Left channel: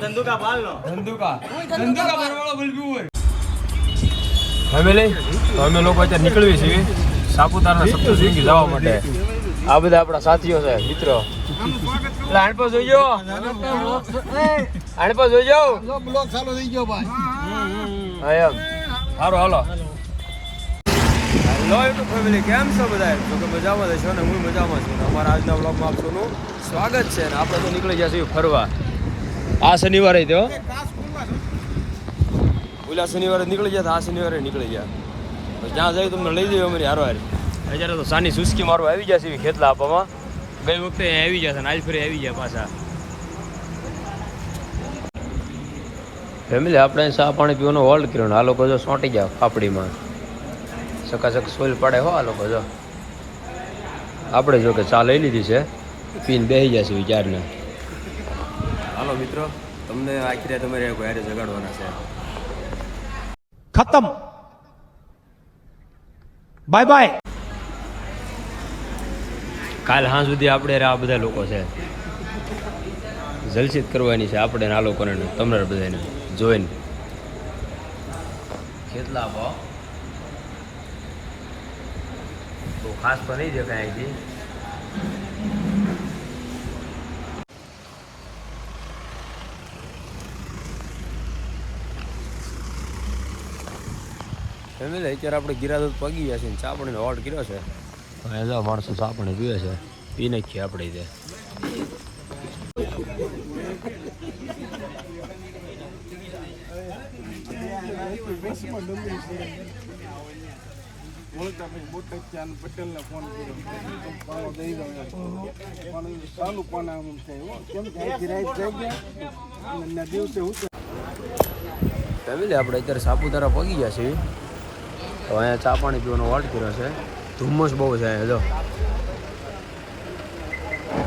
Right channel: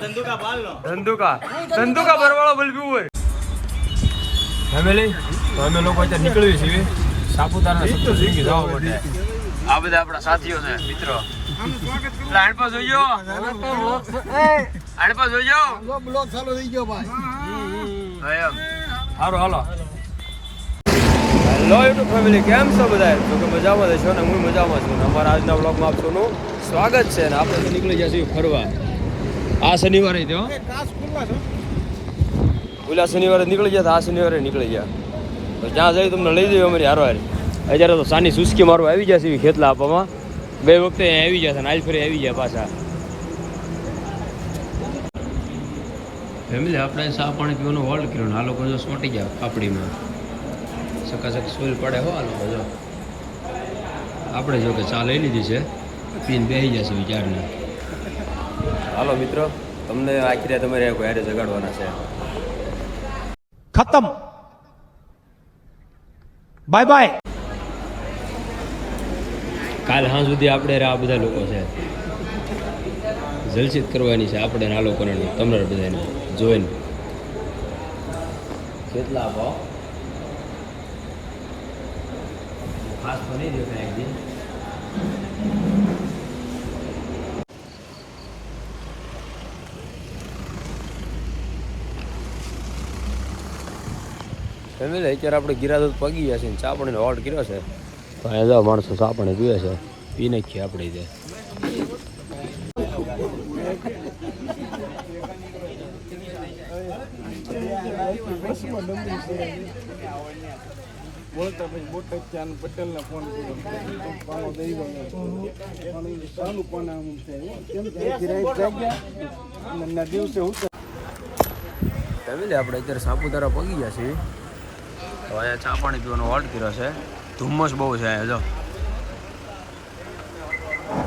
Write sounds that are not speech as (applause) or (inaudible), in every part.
ધંધુકા પાલનો ધંધુકા. ધંધુકા ભરવાળો બલબી હોય. ફેમિલી અમે લોકો અત્યારે નીકળીએ છીએ સાપુતારના સપ્તશૃંગી જવા માટે. આ બધા આપણા સાથીઓ છે મિત્રો. પર જોઈજો આણ જોઈજો બ્લોક ચાલુ થઈ ગયો ભાઈ. હા એમ. સારું હાલો. હેલો યુટ્યુબ ફેમિલી કેમ છો બધા જો કે મજામાં જ છો ને હું મજામાં છું. અમારા આજના બ્લોગમાં આપ સૌનું સ્વાગત છે ને આપણે નીકળી જશું છીએ ફરવા. આ શનિવારે તો ઓલા શનિવારે નીકળી ગયા તો આ શનિવારે નીકળી ગયા. તો જ્યાં જઈ તમને લઈ જઈએ અમારી હારો હારી અત્યારે તો સાની સુસ્કી મારું આવી જશે એવી ખેતલા આપવામાં. બે વખતે અહીંયા આવી જશે ને આજ ફરી આવી ગયા પાછા. ફેમિલી આપણે ચા પાણી પીવાનો હોલ્ડ કર્યો ને આ લોકો જો સોંટી ગયા પાપડીમાં સકાસક સોલ પડે હો આ લોકો જો. આપણે જો કે ચા લઈ લીધી છે પીને બેસી જશે વિચારને. હાલો મિત્રો તમને આખી રાત તમારે ઘરે જગાડવાના છે. ખતમ. બાય બાય કાલ હા સુધી આપણે આ બધા લોકો છે. જલસિત કરવાની છે આપણે આ લોકોને તમને બધાને. જોઈને. કેટલા ખાસ તો નહીં દેખાય ફેમિલી અત્યારે આપણે ગિરાદો પગી ગયા છે ને ચાપણીનો ઓર્ડર કર્યો છે. પણ એ જાઓ માણસો ચાપણી પીવે છે. પી નાખીએ આપણે તે. ફોન દિવસે ફેમિલી આપણે અત્યારે સાપુતારા પગી ગયા છીએ. તો અહીંયા ચા પાણી પીવાનો હોલ્ટ કર્યો છે. ધુમ્મસ બહુ છે અહીંયા, જો.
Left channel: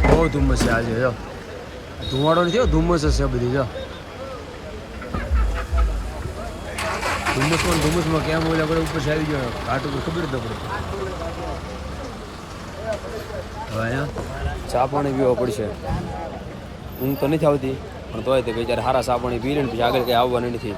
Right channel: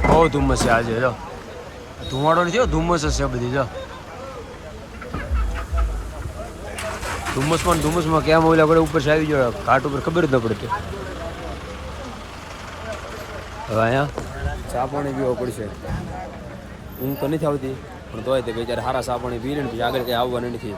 બહુ ધુમ્મસ છે આજે, જો. ધુમાડો નથી ધુમ્મસ જ છે બધી, જો. ધુમ્મસમાં પણ ધુમ્મસમાં કેમ ઓલા આપણે ઉપર આવી ગયો, ઘાટ ઉપર ખબર જ ન પડતું. હવે અહીંયા ચા પાણી પીવો પડશે. ઊંઘ તો નથી આવતી, પણ તોય તે બેચારે સારા ચા પાણી પી લે ને પછી આગળ કંઈ આવવાનું નથી.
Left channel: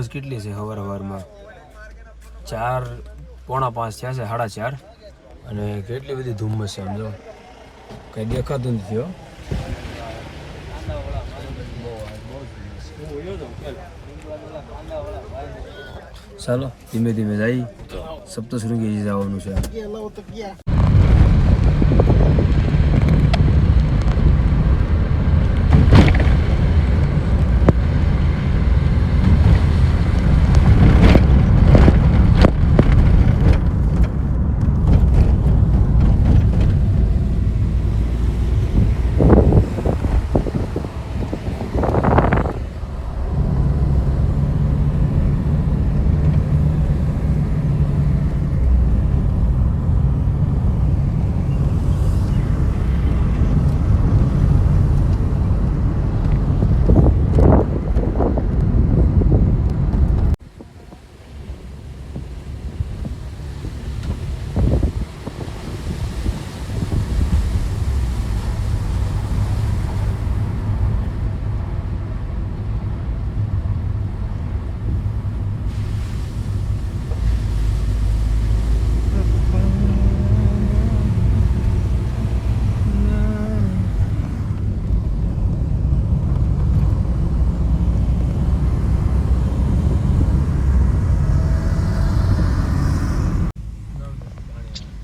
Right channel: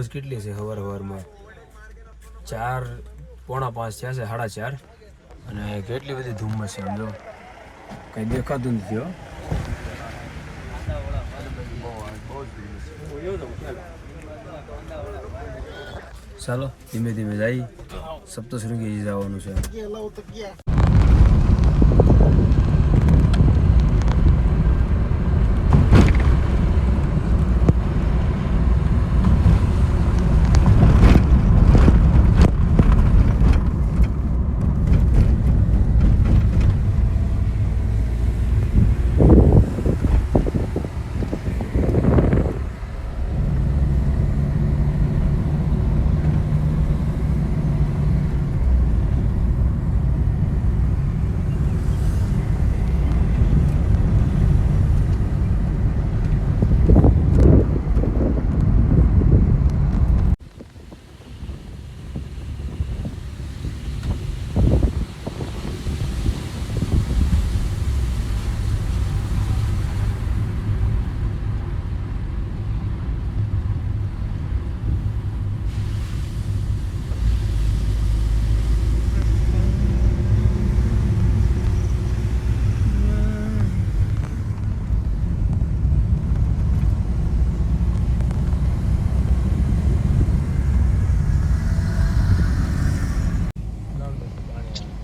જો કેટલી છે હવાર હવારમાં? ચાર, પોણા પાંચ થયા છે, સાડા ચાર. અને કેટલી બધી ધુમ્મસ છે કંઈ કઈ દેખાતું નથી, હો. ચાલો, ધીમે ધીમે જઈ સપ્તશૃંગી જવાનું છે લાવ તો ક્યાં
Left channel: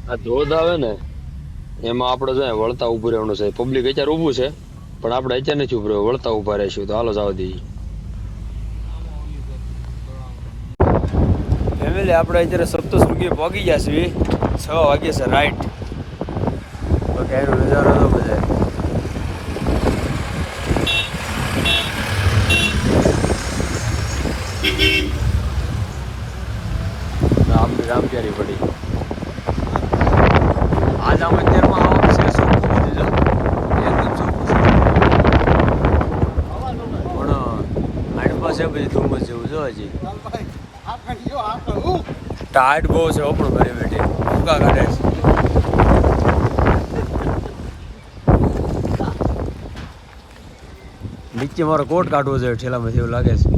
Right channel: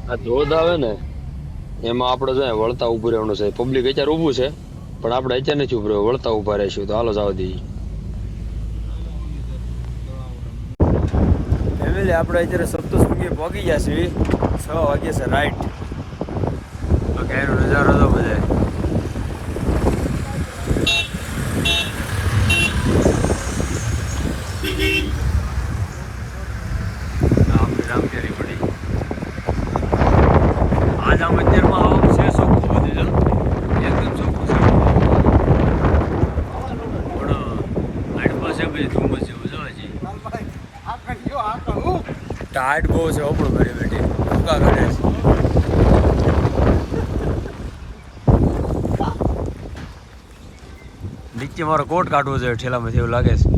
આ ધોધ આવે ને, એમાં આપણે છે વળતા ઊભું રહેવાનું છે. પબ્લિક અત્યારે ઊભું છે, પણ આપણે અત્યારે નથી ઊભું રહ્યું વળતા ઊભા રહીશું. તો હાલો જાવ દઈએ ફેમિલી, આપણે અત્યારે સપ્તશૃંગી પહોંચી ગયા છીએ. છ વાગ્યા છે રાઈટ તો ક્યારે નજારો તો બધે આપણી રામપ્યારી પડી આજ આ મંદિરમાં આવવાનું છે ચોખ્ખું બધું જો. એકદમ ચોખ્ખું છે. પણ આડ પાસે બધી ધુમ્મસ જેવું જો હજી. બહુ છે હો પણ બેઠી ભૂકા નીચે મારો કોટ કાઢવો જોઈએ, ઠેલામાંથી એવું લાગે છે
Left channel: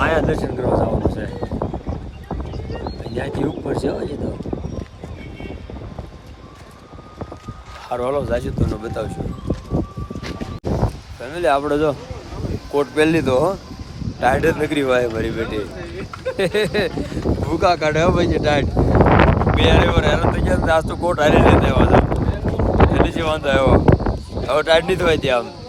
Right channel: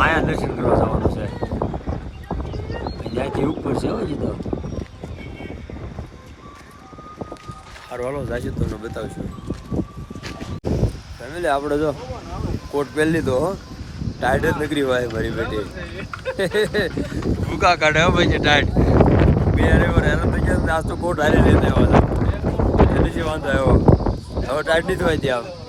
આયા દર્શન કરવા જવાનું છે ત્યાંથી ઉપર છે હજી તો સારું હાલો જાશું તમને બતાવશું. ફેમિલી, આપણે જો કોટ પહેરી લીધો ટાઈટ જ નકરી વાય મારી બેટી. (laughs) ભૂકા કાઢે ભાઈ ટાઈટ બે હારે વાર હેરાન થઈ ગયા આજ તો કોટ હારી લઈને આવ્યો હતા. એટલે જે વાંધો આવ્યો. હવે ટાઈટ નહીં થવાય ત્યાં આમ.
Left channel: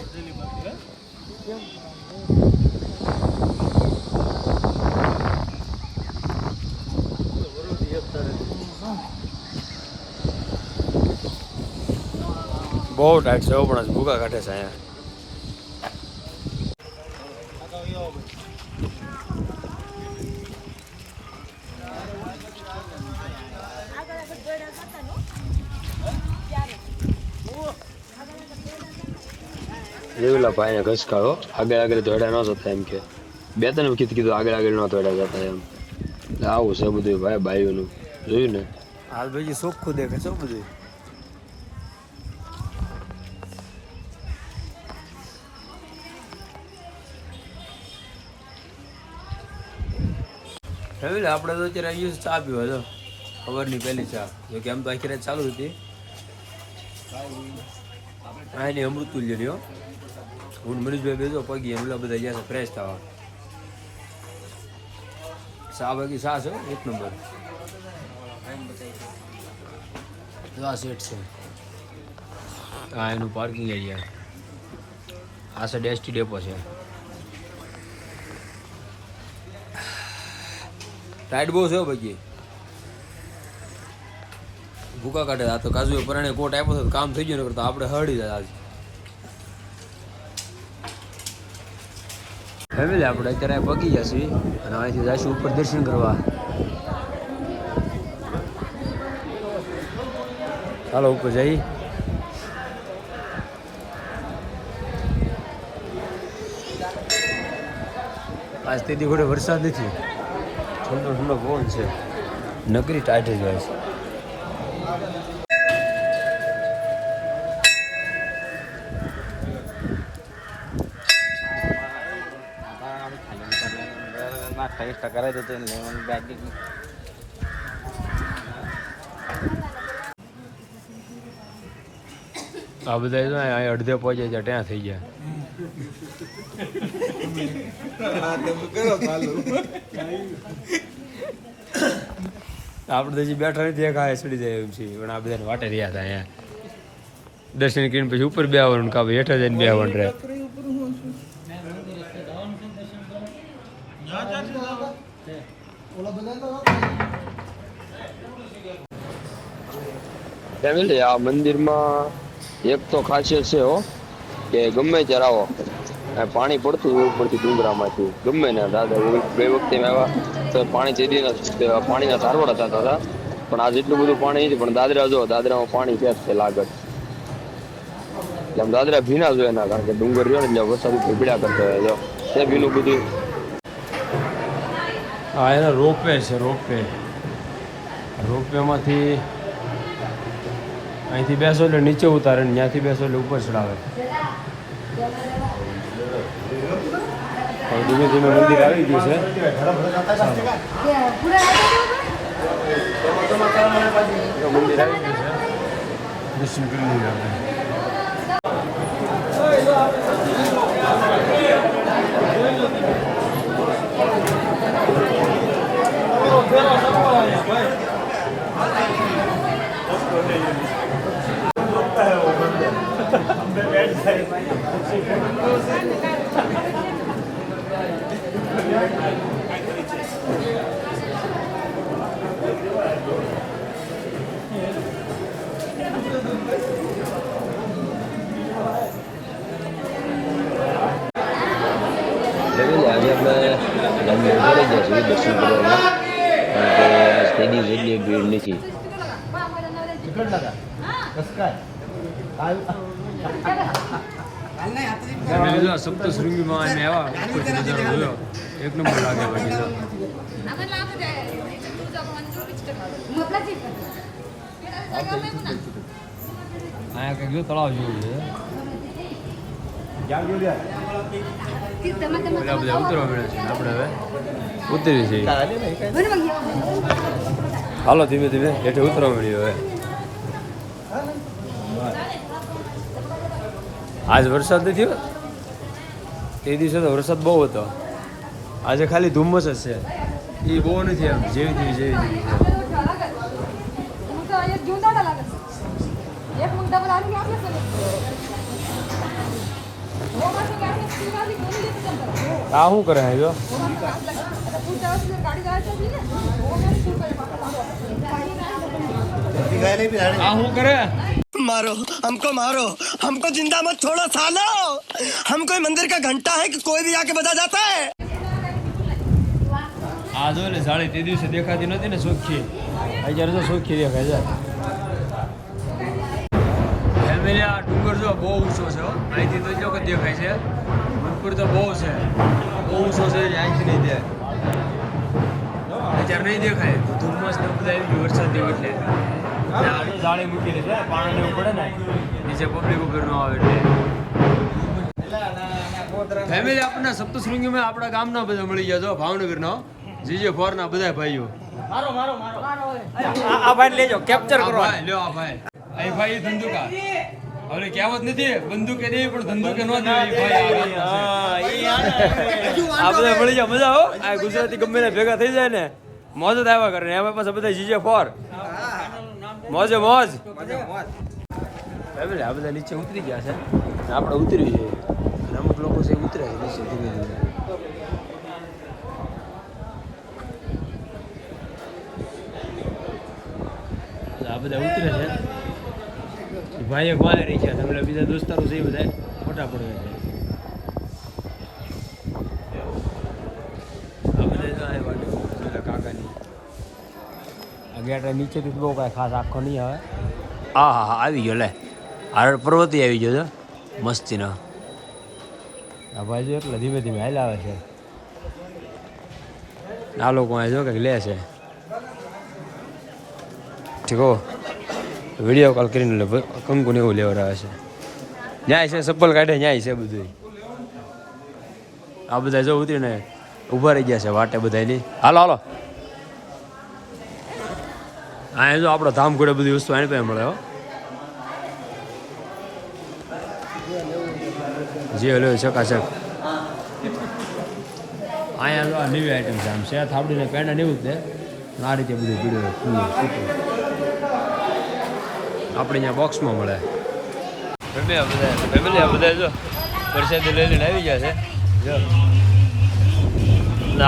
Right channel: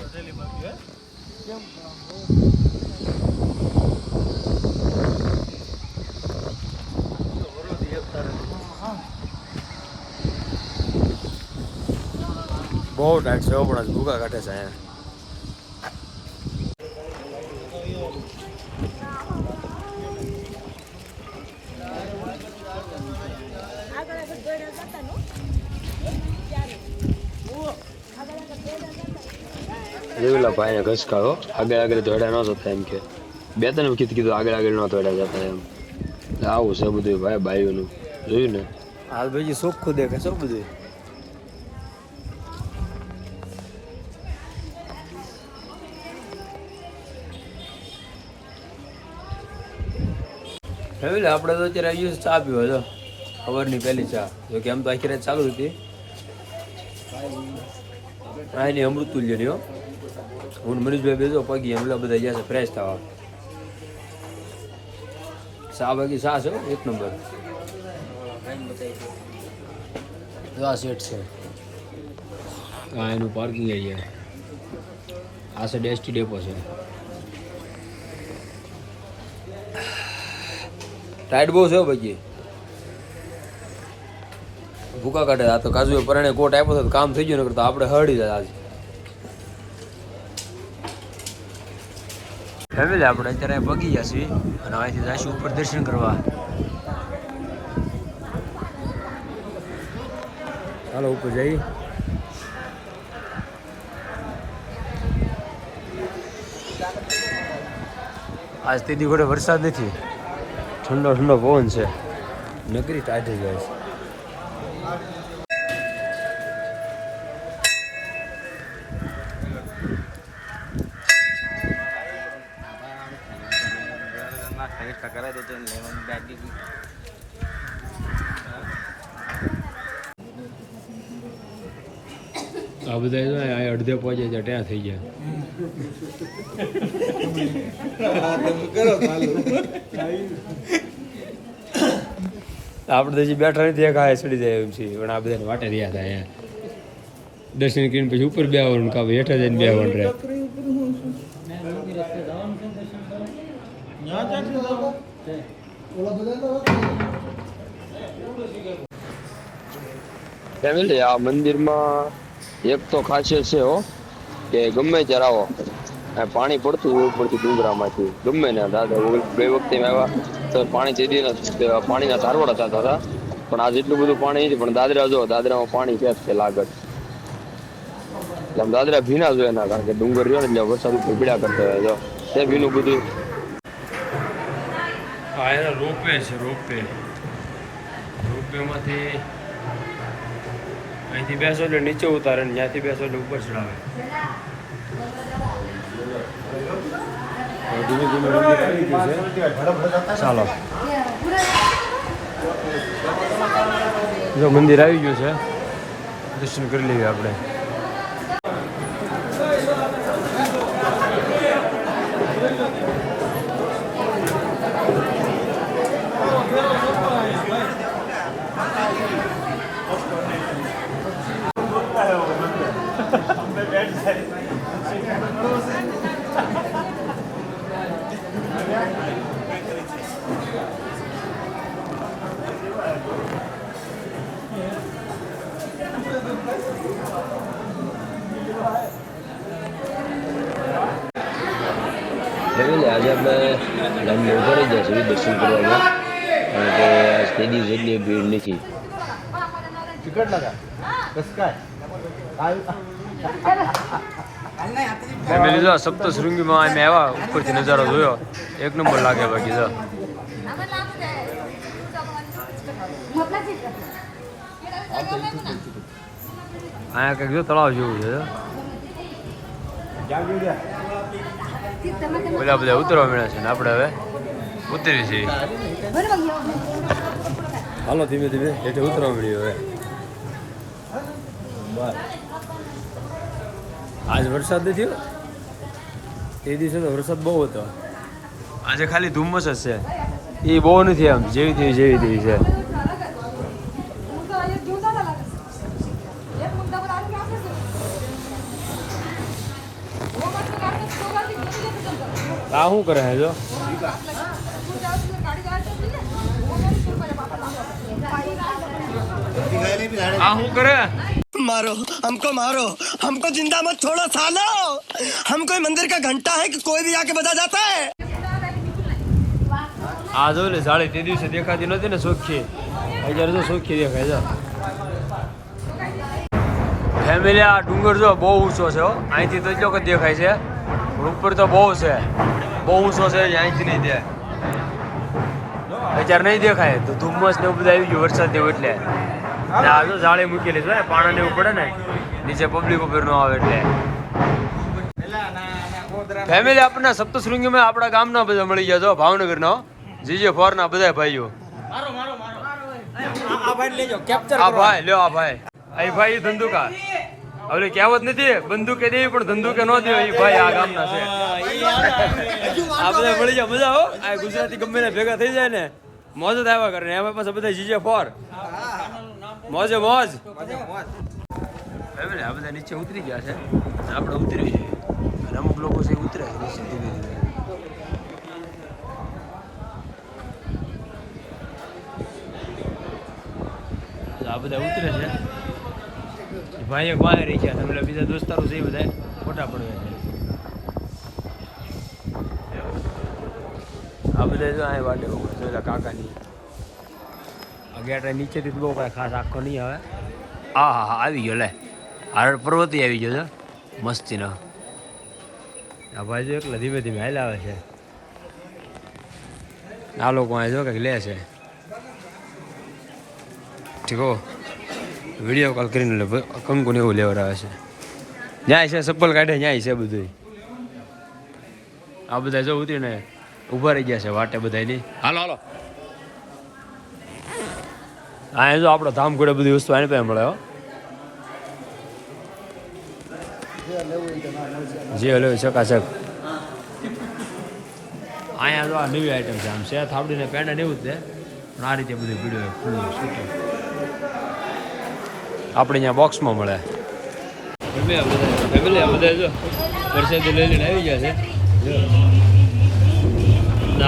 બહુ ટાઈટ છે પણ ભૂકા કાઢે છે અહીંયા. ભાઈ ને ઘસકાળો. આગળ આગળ દોડ્યા ન જતા એમ કે. બે ત્રણ વખત કીધું આગળ આગળ ન દોડ્યા જતા એમ. આવું છે બધું ભાઈ ભાઈઓનું જોયું ને? હાલ ભાઈ ચોખ્ખું દેખે છે બધું. ફેમિલી આપણે તો અત્યારે આવીએ ચા પીવા, જો. ખબરની પહેલી ચા. જો કે આમ તો આખી રાત ચાલુ હતી. હા એની અમૃત તુલ્યની હો હું મનીષભાઈ બેસો, પગી એમ બધા ગયા છે ફ્રેશ થવા. ચા બાકી ચા છે એક નંબર. આ સેટ છે. આ એનું પાર્કિંગ એરિયા આ છે ડેસ્ટી ડેપો છે. ટાઈટ બહુ છે બાકી ભૂકા કાઢે આ તો કાજુ પરણે કોટ આપ્યો તો કામ થઈ ગયું ને તો આપણે હળી જાય આજે. ફેમિલી આપણે અત્યારે પગી ગયા અને અહીંથી જઈશું ઉપર દર્શન કરવા. ચાલો ઉપર જઈ આજ તેથી ઘોડે વરસાદ નથી. ઠંડો ઠંડો પવન છે. નકરી ટાઈટ જ હોય છે. આ બધા અડધે પહોંચે છે, ત્યાં થઈ ચાલુ આપણે હજી બેઠા નથી, એક હાય ચડી જાય એમ છે. પણ આ બધાને વાટે રહ્યા હતા અહીંયા. દર્શન કરીને પછી ઉપર બે આવવાનું કાં હેઠા જઈને બે આવવાનું રહે આ મંદિરમાં એક તો ખાસિયત છે હો. કે ગમે આ પાણી પડતું હોય ઉપરથી ડુંગરામાંથી. ગમે ને દાદા બે વખતે આવ્યા, તો પાણી જેદી પાણીના ધારવાડા થતા હતા. પણ આજ એટલું બધું પાણી નથી પણ દાદરા જો, દાદરામાં પાણી ક્યાં છે લાગત? એટલે દાદરા ભીના જોઈએ એના, કારણ કે ડુંગર રહ્યો ને એટલે વરસાદ ઉપર પીડા કરતો હોય. જો, તે ભીનું બધું. એના રોપવે છે, રોપવે. રોપવેમાંથી અહીંથી બેસો એટલે નીચે ઉતારે ને ત્યાંથી બેસો એટલે ઉપર ચડાવે. ધીમે ધીમે મંદિર આવી ગયું છે ચાલો. મંદિર આવી ગયું છે. દર્શન કરી લઈએ આપણે. એટલે આજે આપણે લાઈન પડી જાય છે દર્શન કરવામાં કારણ કે આજ તે દિવસ એટલી ભીડ નથી. ફેમિલી જો સપ્તશૃંગીમાં અમે આવ્યા ઉપરથી નજારો જોયો. એક નંબર લાગે બાકી જો અહીંયા કંઈક જો તળાવ જેવું છે. બધા બધા ઉતરવા મળ્યા છે ને આપણે હવે? ઉતરી છીએ હાલો ધીમે ધીમે એટલે ઉતરવા મળ્યું હવે. આજ વરસાદ નથી તે દિવસે તો વરસાદ બહુ હતો. આજે ખાલી ધુમ્મસ જ છે. એ બહુ નથી આમ, જેવી તેવી જેવી તેવી છે. આ શું કરે છે જો? આ શું કરે? मारो हमको मारो हमको जिंदा मत छोड़ो सालो हम कोई मंदिर का घंटा है कि कोई भी आके बजा जाता है આ જો ને જાળી તે દિવસે દેખાતી નહોતી ને સોખી અત્યારે તો સોખી દેખાય છે ફેમિલી આ ડુંગર જો બહુ ઊંચો છે હો અહીંથી તો એટલો જ દેખાય છે પણ ઉપર તો બહુ છે બહુ ઊંચો છે જે અહીંથી નહીં દે અત્યારે નહીં દેખાય તો ધુમ્મસ ને એવું બધું આવી ગયું વરસાદ જેવું એટલે ને આ તો જાળી મૂકેલી છે પાણી ને પડે ને નીચે પબ્લિક ઉપર નો આવે એટલે. ફેમિલી આપણને સપ્તશૃંગીમાં આપણા ગામના બધા મળી ગયા છો ભાવનગરનો. જીજે ફોરના બધા ભાઈઓ. આ ભાઈ લેજો કેપ્ચર આ ભાઈ લ્યો આ ભાઈ. આ ભાઈ ધંધુકા. હવે કહેવત નથી બંદૂકે દે પણ ધંધુકે નો એ ભાઈ આ ગામના છે. આ બધા મળી જાય મજા હો. આ ગુજરાતી ગમે ને ભેગા થઈ જાય ને મોજ જ આવ્યા કરે ને. એમાં પાછા બધા જીજે ફોર. મોજે મોજ. ફેમિલી આ બધા નીચે ઉતરી ગયા છે. આપણે ઉતરી જઈએ. અને અમુક લોકો છે ઉતરે છે નીચે ધીમે ધીમે. આ બધા ઉતરે છે. ભાઈ એક વાય રહી ગયા તમને બીજા દોસ્તારો છે એ બધા ફોટા પડવે છે. આ બધા જો અહીં વાટે પેલા કાકાની. આ ગેટ નીચેથી બહુ કાંઈ ખાસ આખો નહીં આવે. હા હા હા આવી ગયો લે. હારડ પર્વતી આવી ગયો છે મસ્તીનો. આ ભાઈ જો એકલા ધીમે ધીમે હાલ આવે છે. આ લોકો અહીં જો કંઈક લે છે. ઠીકો વીડિયો કોલ કરીને લે કંકુ ને એવું લેવા આવે છે. ન્યાય છે ચપ્પલ કાઢે ન્યાય છે બધું આ બધા જો ઉતરીને ઊભા રહી ગયા છે વાટે બધાની હાલો હાલો. હા જો આપણો ધામ ઘોડે બધી વસ્તુ આને પાસે મળે જે હલો ચકાચક. અહીંયા જો આ નવી આઈટમ છે, આમ છે થાબડીને પેંડા એવું જ છે. પણ આ રીતે બધું પીડ્યું ખુલ્લું આપણે અહીંયા બોક્સમાં મળે. ફેમિલી બધા ફેમિલી બધા જો વરસાદી લઈ આવી ગયા છે.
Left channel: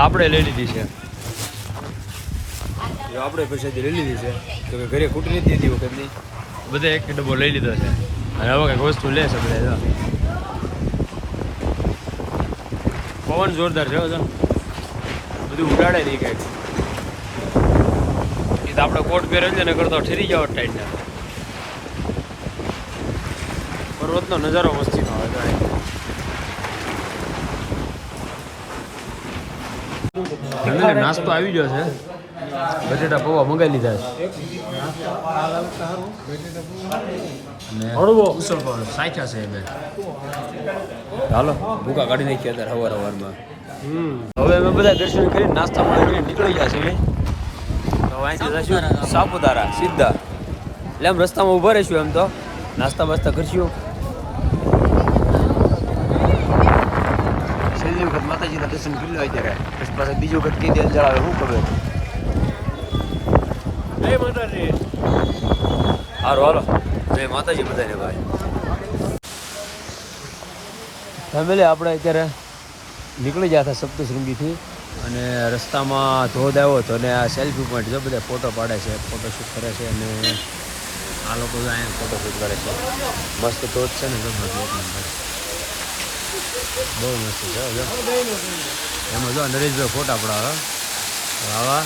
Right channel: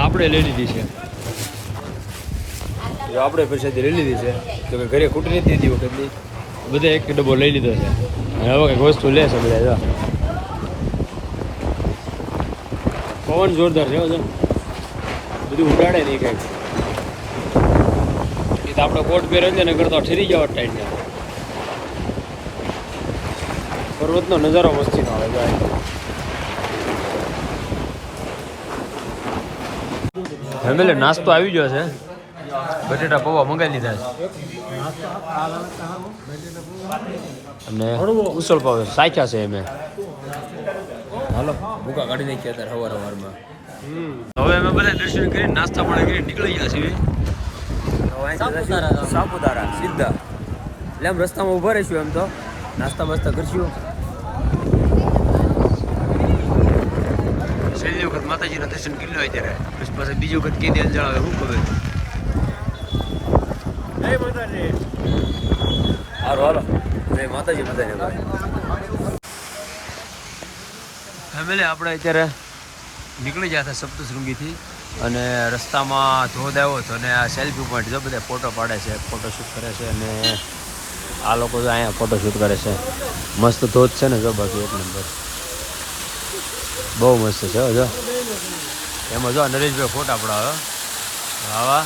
આપણે લઈ લીધી છે. જો આપણે પૈસાથી લઈ લીધી છે તો કે ઘરે ખૂટી નથી દીધી વખતની. બધા એક ડબ્બો લઈ લીધો છે. અને હવે કંઈક વસ્તુ લે છે બધા જો. પવન જોરદાર છે હો જો. બધું ઉડાડે નહીં કંઈક. એ તો આપણે કોટ પહેરે છે ને કરતો ઠેરી જાવ ટાઈટ ને પર્વતનો નજારો મસ્તીનો આવે જાય ફેમિલી નાસ્તો આવી ગયો છે. બટેટા પૌવા મંગાવી લીધા છે. અને ઉસળ પાવ સાચા છે અમે હાલો ભૂકા કાઢી નાખી અત્યારે સવાર સવારમાં હવે અમે બધા દર્શન કરી નાસ્તા પાણી કરીને નીકળી ગયા છીએ. સાપુતારા. સીધા. એટલે આમ રસ્તામાં ઊભા રહીશું એમ તો. નાસ્તા બાસ્તા કરશું. છેલ્લી વખત માતાજીના દર્શન કરી આવી પછી પાછા બીજી વખત કઈ દેલ જળાવે શું ખબર. માતાજી. હારો, હાલો. જય માતાજી બધાને ભાઈ. ફેમિલી, આપણે અત્યારે નીકળી ગયા હતા સપ્તશૃંગીથી અને રસ્તામાં ધોધ આવ્યો હતો અને આ સેલ્ફી પોઈન્ટ જો બધા ફોટો પાડે છે ફોટોશૂટ કરે છે અને આ લોકો તો અહીંયા ફોટોશૂટ કરે છે. મસ્ત ધોધ છે ને જો બાજુ એક નંબર. બહુ મસ્ત છે, જો. એમાં જો નરેશભાઈ ફોટા પડાવે. આવા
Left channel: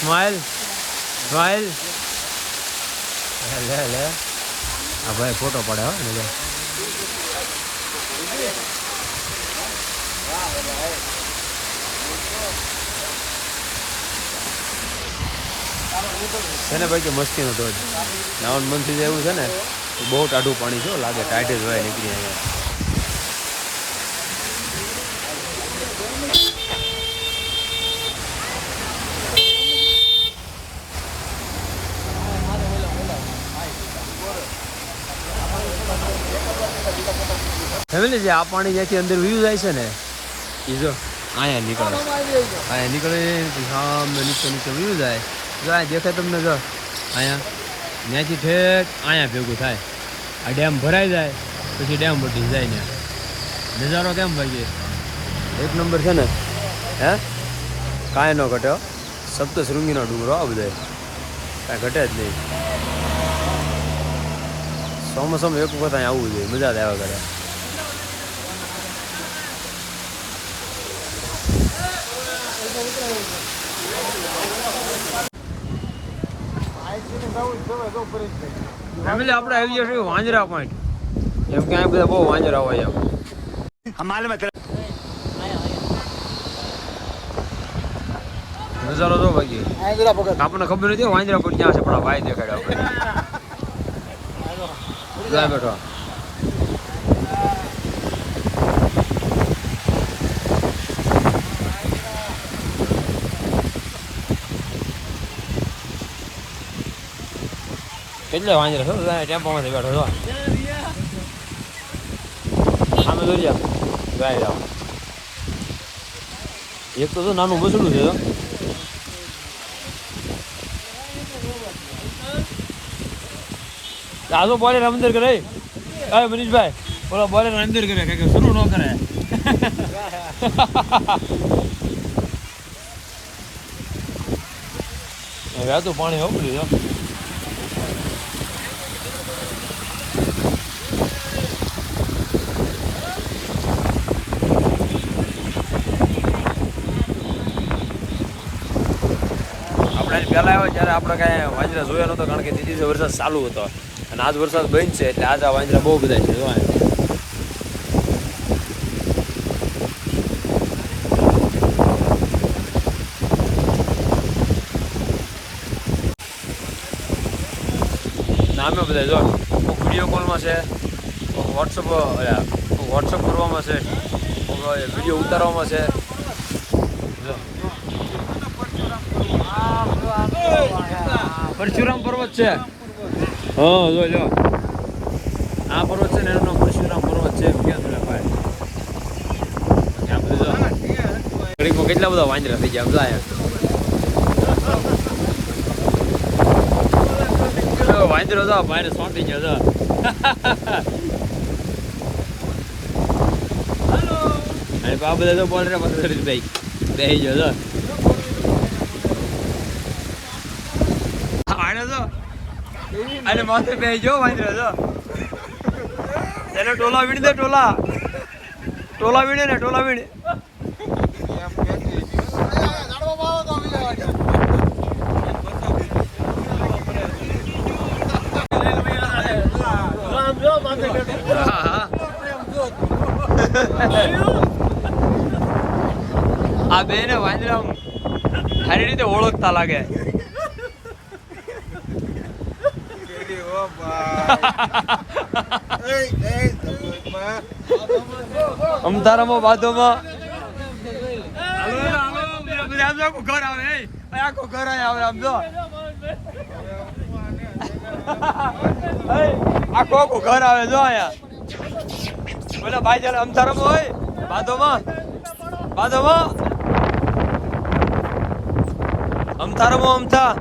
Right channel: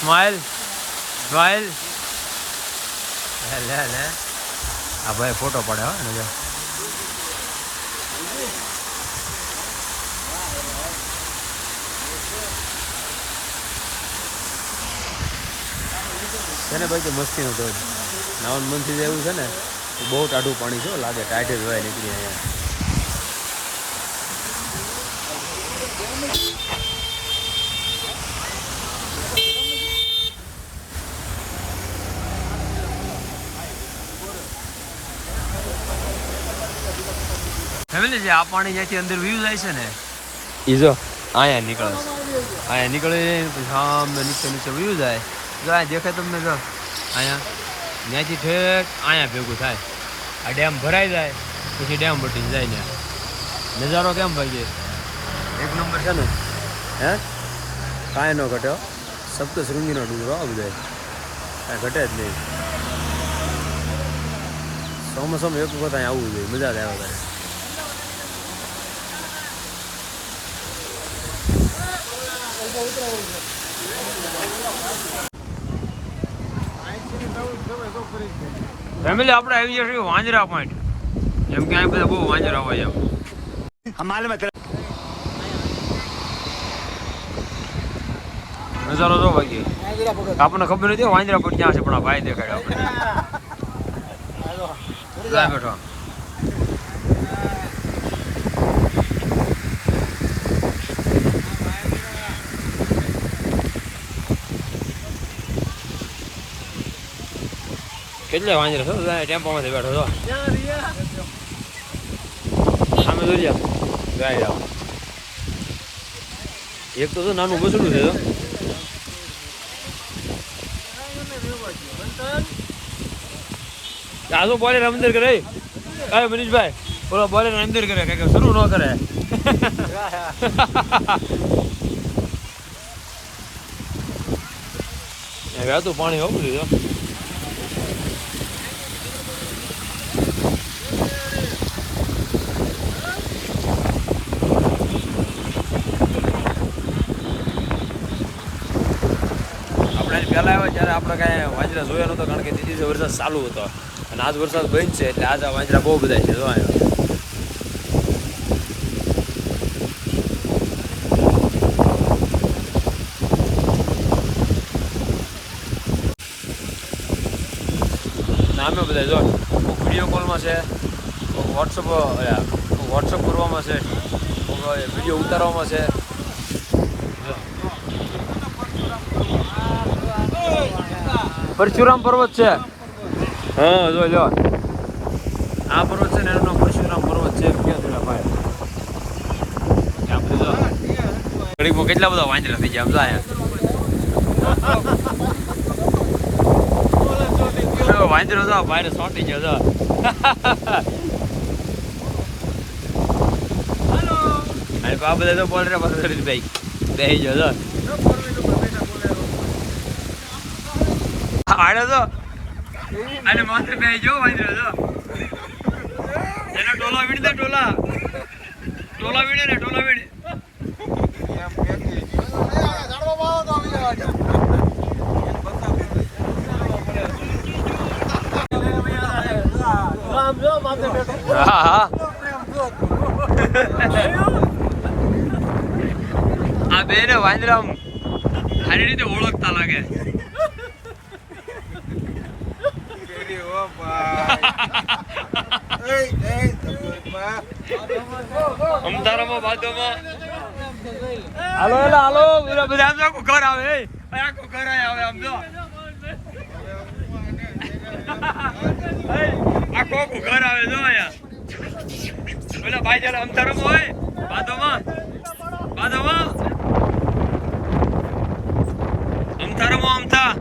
સ્માઇલ સ્માઇલ લે લે આ ભાઈ ફોટો પડે હો ને છે ને ભાઈ કે મસ્તીનો ધોધ. નાવન મનથી એવું છે ને બહુ ટાઢું પાણી છે લાગે ટાઈટ જ હોય, નીકળી અહીંયા ફેમિલી જે આ પાણી જ્યાંથી અંદર વ્યૂ જાય છે ને, એ અહીંયા નીકળે. અહીંયા નીકળે સામે નીચે નીચે વ્યૂ જાય. જો અહીંયા દેખાય તમને જો, અહીંયા. ત્યાંથી ઠેક અહીંયા ભેગું થાય. આ ડેમ ભરાઈ જાય, પછી ડેમ બટી જાય ને નજારો કેમ ભાઈ એક નંબર છે ને, હે? કાંઈ ન ઘટ્યો. સપ્તશૃંગીનો ડુંગરો આ બધા કાંઈ ઘટે જ નહીં. ચોમાસામાં એક વખત અહીંયા આવવું જોઈએ, મજા જ આવે કરે ફેમિલી આપણે આવી જશે વાંજરા પોઈન્ટ જેમ કે અહીં બધા બહુ વાંજરા હોય એમ. નજારો જો ભાઈ આપણને ખબર નથી વાંજરા પોઈન્ટ ક્યાં છે પણ આ ભાઈ દેખાડ્યો (laughs) આપણે બેઠો. કેટલા વાંજરા છો બેઠો સામે જોઈ જા ગાય એક તો નાનું બસડું છે, જો. આ તો બોલે અંદર કરે. અરે મનીષભાઈ, બોલો, બોલે અંદર કરે શરૂ ન કરે. (laughs) વ્યાતું પાણી હોવું લીધો પહેલા આવ્યો ત્યારે આપણે કાંઈ વાંજરા જોયા નહોતો કારણ કે તે વરસાદ ચાલુ હતો અને આજ વરસાદ બંધ છે એટલે આજ આ વાંજરા બહુ બધા છે જોવા. નામે બધા જો કોઈક વીડિયો કોલમાં છે કોઈક વોટ્સઅપ વોટ્સઅપ કરવામાં છે કોઈક વીડિયો ઉતારવામાં છે જો. પરશુરામ પર્વત છે. હા, જો જો આ પર્વત છે ને એનું પરશુરામ પર્વત છે. ક્યાં તમને ભાઈ. આ કેટલા બધા વાંદરા થઈ ગયા, આમ જો વાંદરો તો ભાઈને સોંટી ગયો તો અને આ બધા તો બોલ રે ભાઈ. બેહી ગયો, જો. આડે તો અને માથે બે જો વાંદરો જો. એને ટોલા વીણ દે, ટોલા. ટોલા વીણે ને, ટોલા વીણે. આ બે ને વાંદરા સારી રીતે ઓળખતા લાગે. અમદારામાં બાદોમાં હાલો હેડો, હાલો. બધા. આમ આખું ઘર આવે એ આખું ઘર આવે આમ જો. આખું આખું ઘર આવે જો અહીંયા. બોલો ભાઈ જણ અમદારામાં હોય બાદોમાં બાદોમાં અમથારામાં અમથા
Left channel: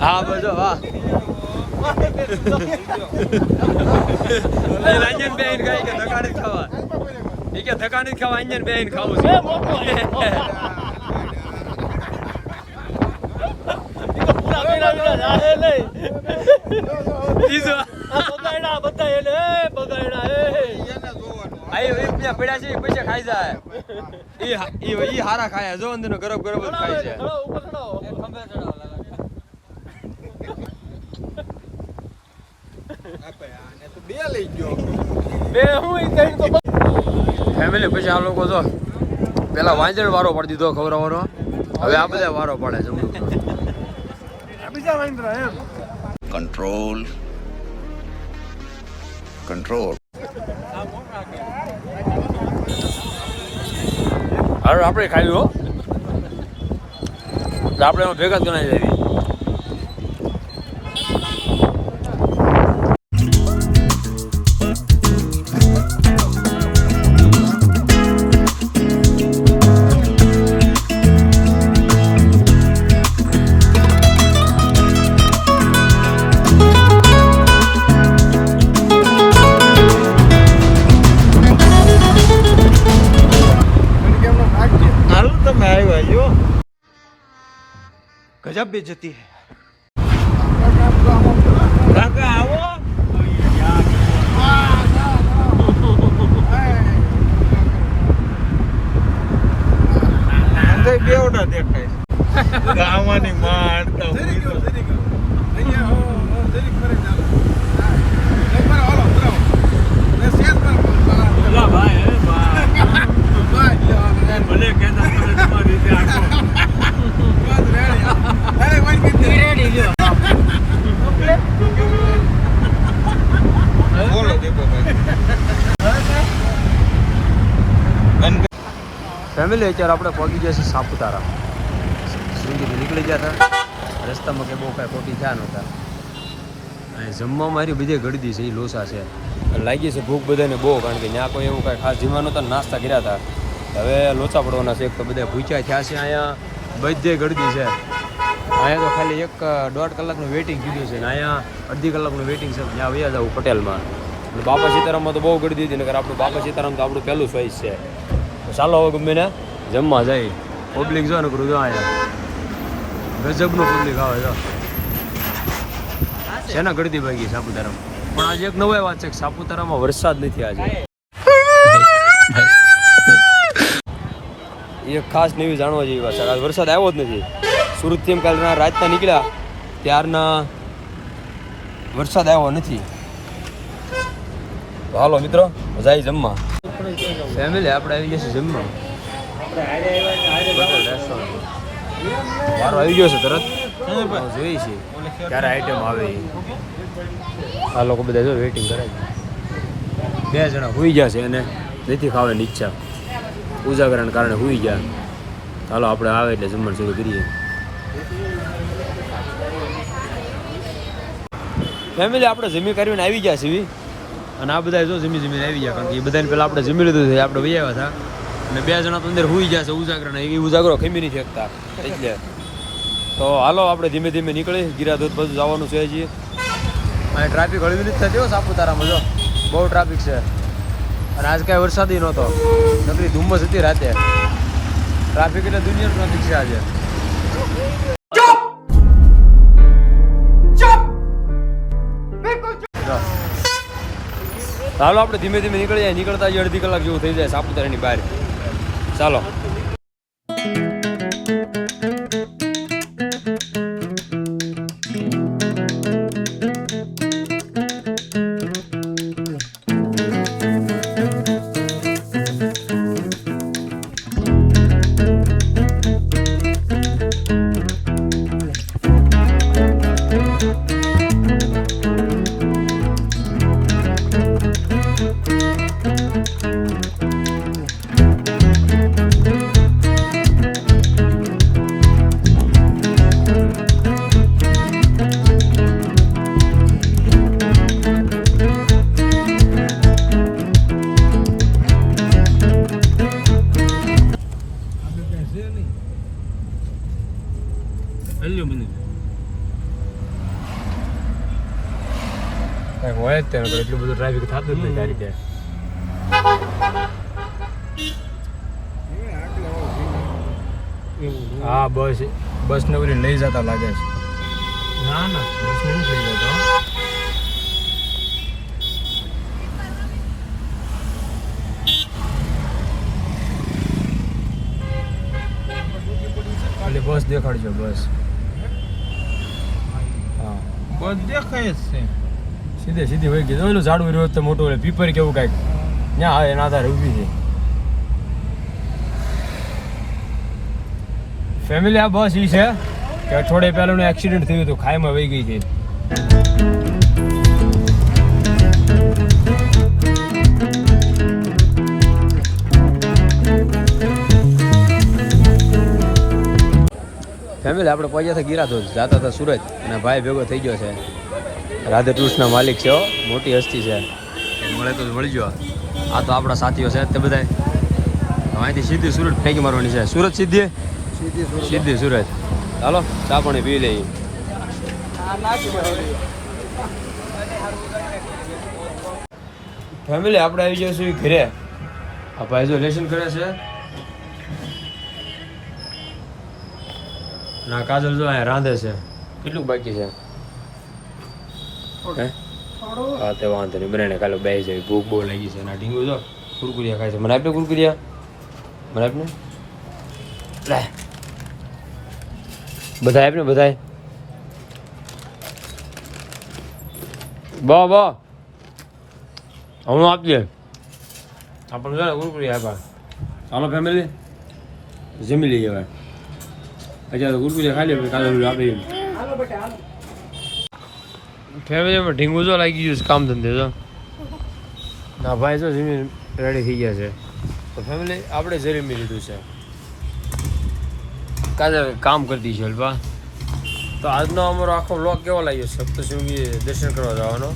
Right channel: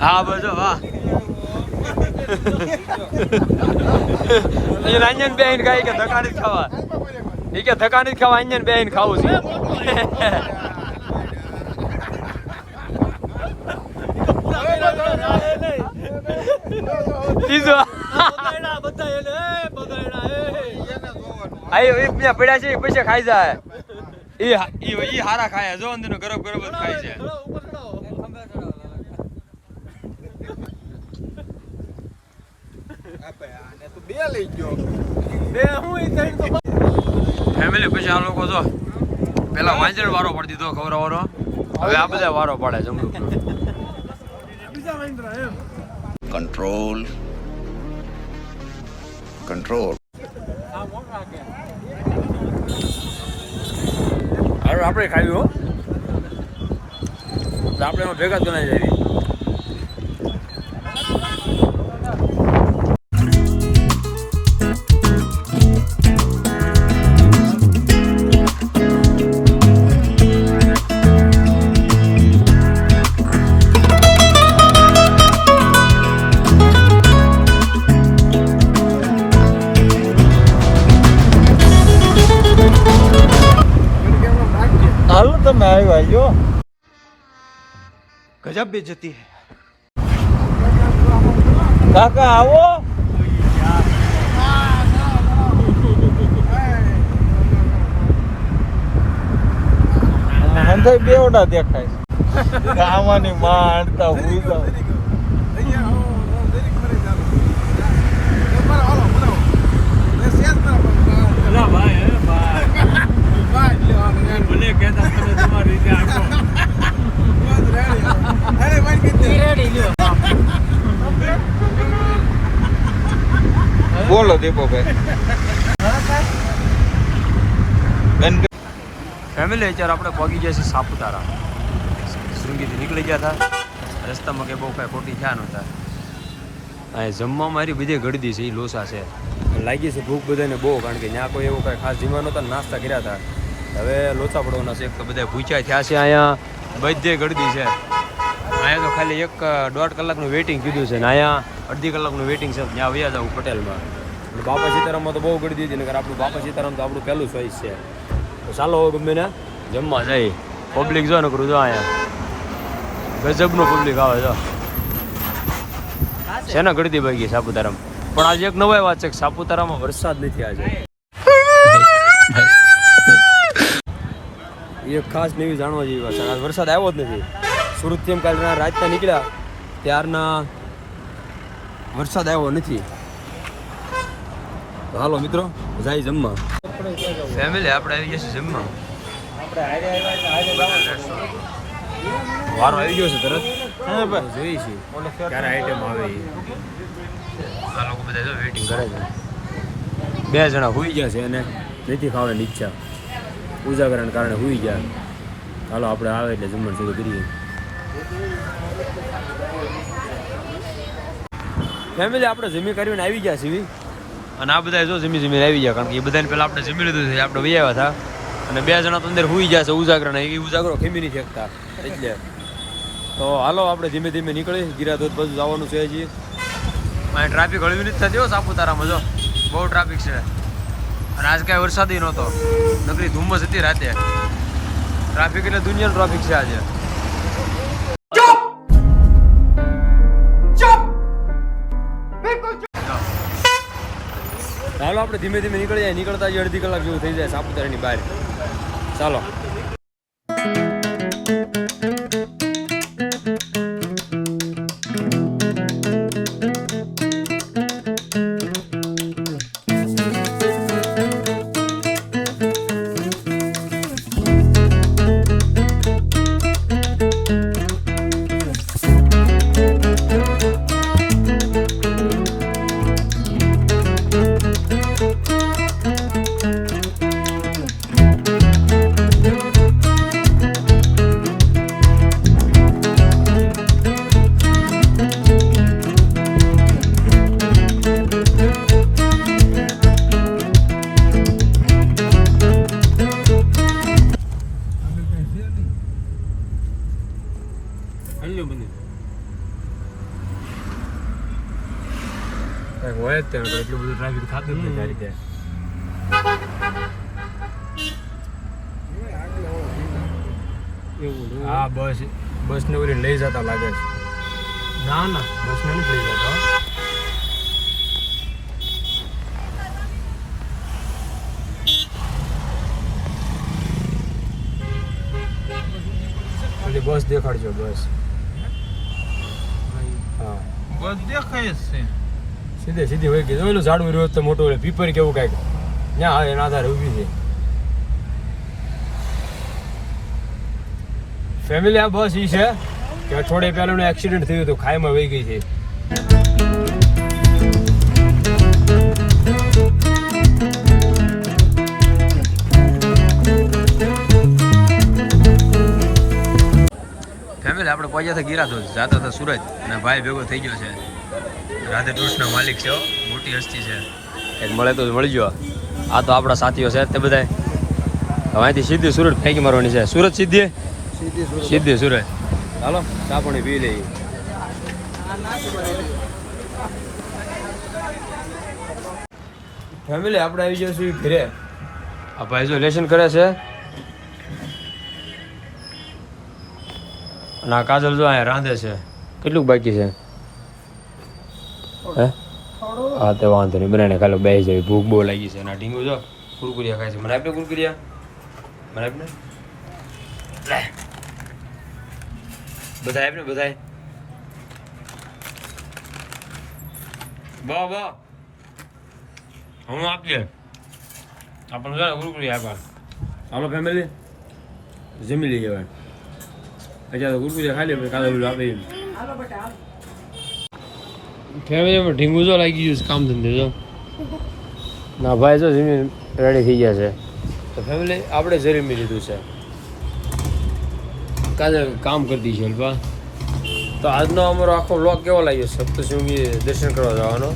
હા બજો વાહ. અંજન બેન ખાઈ કે ધકાણી ખાવા. એ કે ધકાની જ ખાવા અંજન બેન ખાવું છે ત્રીજો આયો એક ત્યાં પડ્યા છે પછી ખાઈ જાય. ઈ હા- ઈ ઈ હારા ખાય જો અંદરનો ગરબ ગરબ જ ખાઈ જાય બે લઈ ગયો ફેમિલી પછી આ લોકો જો પેલા વાંજણ વારો પાડી દીધો ખવડાવવાનો. હવે આ બધા વારો પાડે છે કંટ્રોલ control. હવે આપણે ખાયું હો. આપણે ભેગા જ ગણાય જાય ગજબ બેજતી હે કાકા આવો અંદર બેવડા દેખાય ગાવાની માં અડતા તો અહીંયા આવો, જરીક ફરે ચાલો. લે, બરાબર, હાલો, બોલાવો. લે, શેર ના પાડો. ભાઈ, લ્યો, હાલો, રેડી. ભલે કહેતા તમે તમારી રીતે આખો ફેમિલી અત્યારે આપણે પહોંચી ગયા છીએ સાપુતારા. શૃંગીથી નીકળી ગયા હતા. રસ્તામાં કે બહુ કાંઈ ખોટી થયા નહોતા. અહીં જમવા મારી બધી ગળદી છે એ લોસા છે. લાગી છે ભૂખ બધાને બહુ, કારણ કે ત્યાં કોઈ એવું કાંઈ ખાસ જીવા નહોતા, નાસ્તા કર્યા હતા. હવે લોચા પડવાના છે, એક તો બધા ભૂખ્યા થયા છે અહીંયા. બધે ગળદી છે. અહીંયા તો ખાલી એક દોઢ કલાકનું વેઇટિંગ કીધું છે ને અહીંયા અડધી કલાકનું વેઇટિંગ છે. ત્યાં વયા જવું પટેલમાં. અને બાપા સીતારામમાં તો બહુ ગળદી દીધી નગર આપણું બાપા સીતારામ તો આપણું પહેલું ચોઈસ છે. તો ચાલો હવે ગમે ને જમવા જાય પબ્લિક જો ને કરું, જો અહીંયા. ગજબનું પબ્લિક આવે, જો. શેના ગળદી ભાગી સાપુતારામાં? પણ આજે એક નવાઈ વાત છે કે સાપુતારામાં વરસાદ નથી આજે. એ ખાસ નવી જાણવા જેવી વાત છે. આજ વરસાદ આવ્યો જ નથી. સુરતથી એમ કાલના રાતના નીકળ્યા. ત્યારના વરસાદ આવ્યો નથી. હાલો મિત્રો, જાય જમવા. ફેમિલી આપણે આવી ગયા જમવા. વારો આવી ગયો છે તરત. જોઈએ છીએ ક્યારે આઈટમ આવે આ લોકો બધા જો વેઇટિંગ કરે છે. બે જણા હુઈ ગયા છે અને નથી ખાવાની ઈચ્છા. ઉજાગરાને કારણે હુઈ ગયા. ચાલો આપણે આવે એટલે જમવાનું શરૂ કરીએ. ફેમિલી આપણે જમી કરીને આવી ગયા છીએ. અને આ બધા જો જમી જમીને આવી ગયા, કારણ કે એ બધાને પહેલાં આપણે જમી લીધું છે, આપણે વૈયા હતા. અને બે જણા તો અંદર હુઈ ગયા છે, ઉજાગરાને. એ ઉજાગરો ખમી નહીં શકતા. એટલે તો હાલો, આપણે ધીમે ધીમે નીકળી. ગિરાધોધ બાજુ જવાનું છે હજી. અહીં ટ્રાફિક હળવી નથી થતી હો, સાપુતારામાં જો. બહુ ટ્રાફિક છે. અને આજ કાંઈ વરસાદી નહોતો. નકરી ધુમ્મસ હતી રાતે. ટ્રાફિક એટલે દુનિયાનું ટ્રાફિક છે આજે. ચાલો આપણે ધીમે ધીમે નીકળી જાય, નીકળતા જ અડધી કલાક જેવું થઈ જાય સાપુતારાની બહાર. ચાલો. ટ્રાફિક થતું જ નથી આ રીતે હા બસ બસ ને ઓલી લઈ જતા લાગે છે. ના ના બસ ને લઈ જતો. બસ દેખાડજો બસ. હા. બસ દેખાય જ છે. સીધે સીધી હોય ગઈ. ઓલું ઝાડું રહ્યું તો મોટું હોય પીપર કેવું કાંઈક. ત્યાં આવે એના આધારે ઊભી છે. ફેમિલી આ બસ ઈ છે, કે અઠવાડિયે પહેલાનું એક્સિડન્ટ થયું હતું, ખાઈમાં વહી ગઈ છે. ફેમિલી આપણે પહોંચ્યા હતા ગિરા ધોધ જતા હતા સુરત અને ભાઈ ભેગો થઈ ગયો છે. રાધે ટૂર્સના માલિક છે મોટી હસ્તી છે. એક મળે તો મળી ગયો આ તો આપણા સાથીઓ છે તે હવે અહીંથી સીધી સુરત ફેંકી મારવાની છે. સુરત સીધી? સીધી સુરત. ચાલો ચા પાણી પી લઈએ. ફેમિલી આપણે આવી જઈશું ઘરે. આ ભાઈ જો લેશન કરે છે. અને આ કાજલ જો અહીંયા રાંધે છે. કેટલું બાકી છે? હે? હા તે વાંધો નહીં. બનાવીને ખાલી બે જાય ભૂખ બહુ લાગી છે. ના આ જો. કુરકુરિયા ખાય છે. મને આપને કુરકુરિયા. મને આપને લે. બધા આપને બધા બો બો. હમણાં આપી દે આપણને છે ને કુરકુરિયા આપ્યા ચાલો ફેમિલી જમી લઈએ હવે. અચ્છા તો કુરકુરિયા ખાઈ લે પછી કાલે આપી એમ. ફેમિલીમાં ઢીંગું જો લાગી ગયું છે કામ ધંધે જો. ના ભાઈ જો જમીન રેડી થઈ ગયા છે. તો ફેમિલી આપણે જરીમી લીધું છે. કાલે કામ કરતી છે અલ્પા તો આજનો અમારો આખો બ્લોગ કેવો લાગ્યો સપ્તશૃંગી દર્શન કરવા જવાનો.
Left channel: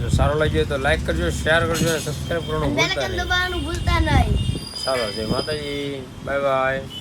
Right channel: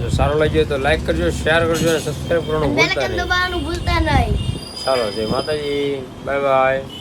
જો સારો લાગ્યો તો લાઈક કરજો શેર કરજો અને સબસ્ક્રાઈબ કરવાનું ભૂલતા નહીં. સારો ભૂલતા જય માતાજી. Bye bye